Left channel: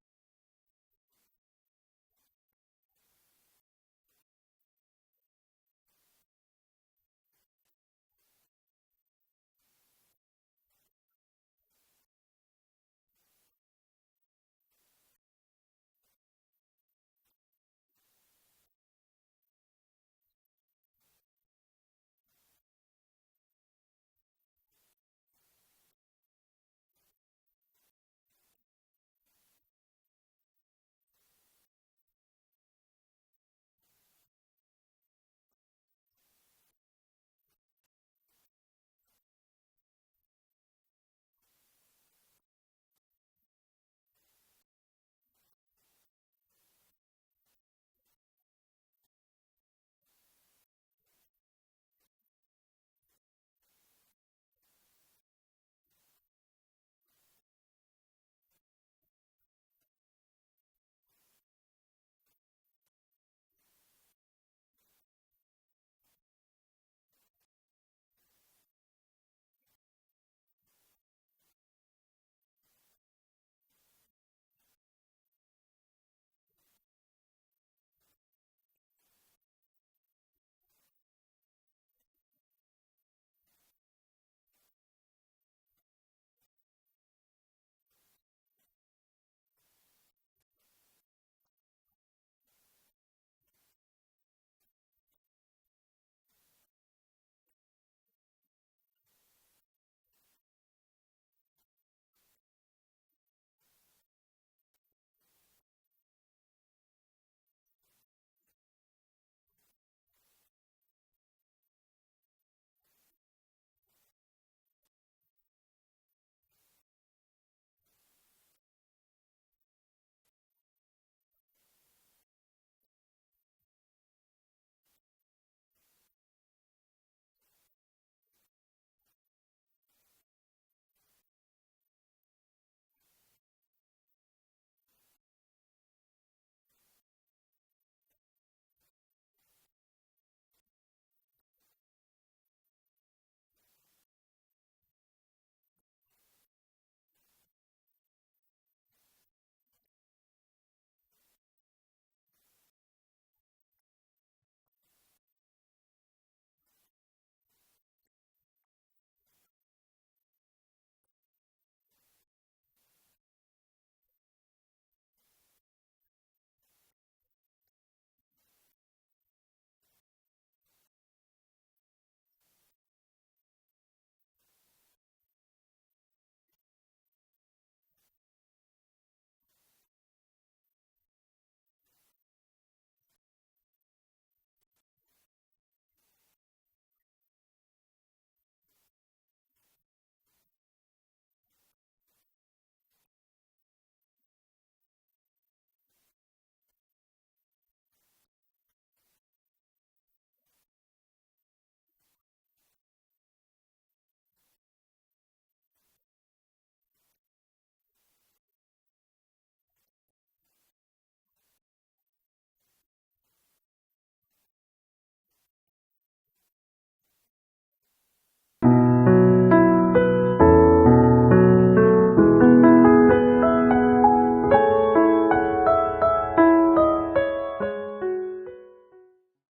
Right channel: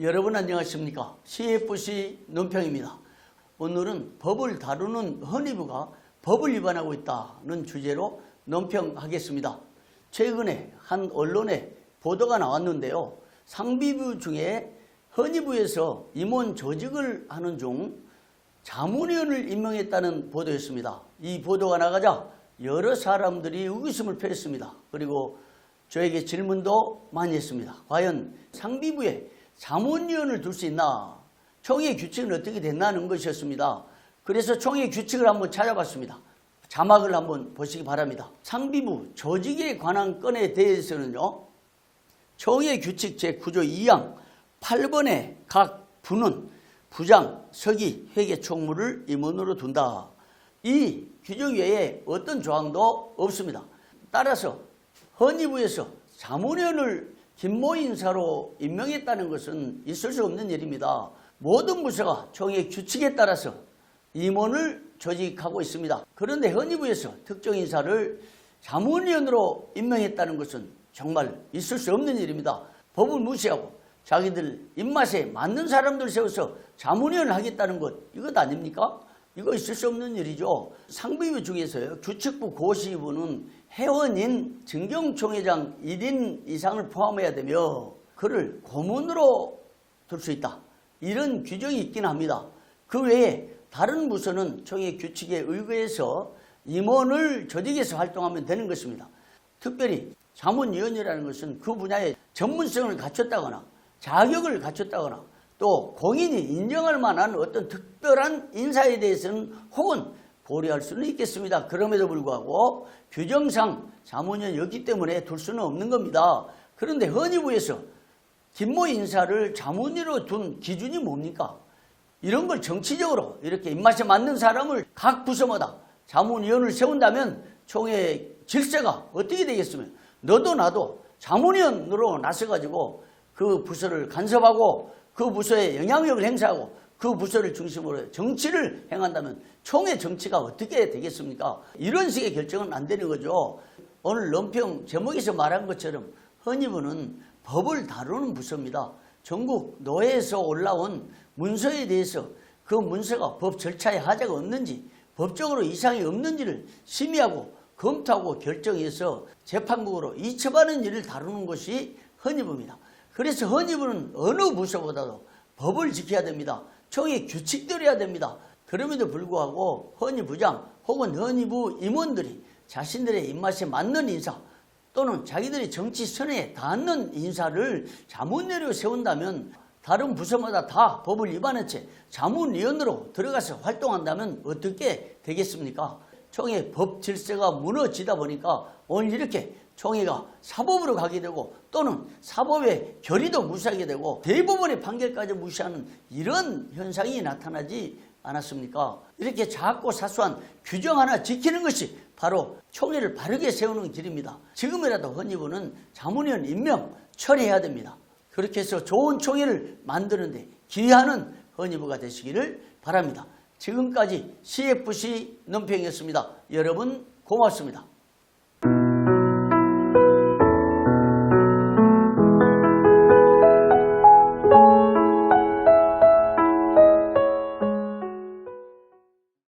여러분 안녕하십니까? CFC 논평입니다. 오늘은 법을 다루는 헌의부가 법을 위반하고 있다는 주제로 논평하겠습니다. 최근에 한 언론에 보도가 나왔는데요. 상비부 중에 헌의부에서 임원 조직을 하는 중 자문위원을 임명했다는 보도였습니다. 이 보도가 나가자 여러 사람들이 의구심을 표했습니다. 그리고 저에게 질문도 많이 했습니다. 과연 상비부에 자문위원을 둘 수 있나? 총회 규칙은 어떻게 됐나는 것이었습니다. 그래서 총회 규칙을 한번 찾아봤습니다. 자막을 한번 보시기 바랍니다. 상비부 조직에 관한 건에 대해서는요. 총회 규칙 제9조 2항 8번에 각 부는 부장, 서기, 회계 총무를 임원으로 둔다. 이 규정 외에 어떤 조항도 없습니다. 따라서 헌의부에서 자문위원을 김모 인사로 임명했다는 것은 있을 수 없는 일입니다. 모든 부서가 총회 규칙에 따라서 임원을 조직하고 있습니다. 그런데 헌의부에서 특정 인사를 자문위원으로 임명했다는 것은 정말 있을 수 없는 일입니다. 법을 무시하고 자기들 입맛에 맞는 사람들 세워서 자문위원을 하겠다는 것, 이것 아닙니까? 이거 있을 수 없는 일이죠. 상비부 중에서요, 규칙부 고시부는 회원인 정경총회장 1인 이상을 포함해야 되며 그를 고문으로 둘 수 있다. 이런 규정이 있긴 합니다. 그 외에 다른 부서는 총회 규칙에 의거해서 임원을 조직해서 활동하면 되는 것입니다. 특별히 자문위원이라는 것은 그 분야의 전문성을 갖췄다거나 자격을 갖췄다거나 또 공인이 인정할 만한 어떤 특별한 인사에 대해서는 혹은 고려할 수는 있겠습니다. 그럼에도 불구하고 규정상 자문위원이었기 때문에 둘 수는 없는 겁니다. 그런데 헌의부에서 김모 인사를 자문위로 둔 기준이 뭡니까? 이런 걸 정치적으로 이렇게 입맛에 맞는 사람을 각 부서마다 자문위원을 세운다면 총회 질서가 어떻게 되겠으면 너도 나도 자문위원으로 나서가지고 그 부서를 간섭하고 그 부서에 영향력을 행사하고 그 부서를 중심으로 정치를 행한다면 총회 정치가 어떻게 되겠습니까? 이런 식의 결정은 안 되는 거죠. 오늘 논평 제목에서 말한 것처럼 헌의부는 법을 다루는 부서입니다. 전국 노회에서 올라온 문서에 대해서 그 문서가 법 절차에 하자가 없는지 법적으로 이상이 없는지를 심의하고 검토하고 결정해서 재판국으로 이첩하는 일을 다루는 것이 헌의부입니다. 그래서 헌의부는 어느 부서보다도 법을 지켜야 됩니다. 총회 규칙대로 해야 됩니다. 그럼에도 불구하고 헌의부장 혹은 헌의부 임원들이 자신들의 입맛에 맞는 인사 또는 자기들의 정치 선에 닿는 인사를 자문위원으로 세운다면 다른 부서마다 다 법을 위반한 채 자문위원으로 들어가서 활동한다면 어떻게 되겠습니까? 총회 법 질서가 무너지다 보니까 오늘 이렇게 총회가 사법으로 가게 되고 또는 사법의 결의도 무시하게 되고 대법원의 판결까지 무시하는 이런 현상이 나타나지 않았습니까? 이렇게 작고 사소한 규정 하나 지키는 것이 바로 총회를 바르게 세우는 길입니다. 지금이라도 헌의부는 자문위원 임명 처리해야 됩니다. 그렇게 해서 좋은 총회를 만드는데 기여하는 헌의부가 되시기를 바랍니다. 지금까지 CFC 논평이었습니다. 여러분 고맙습니다.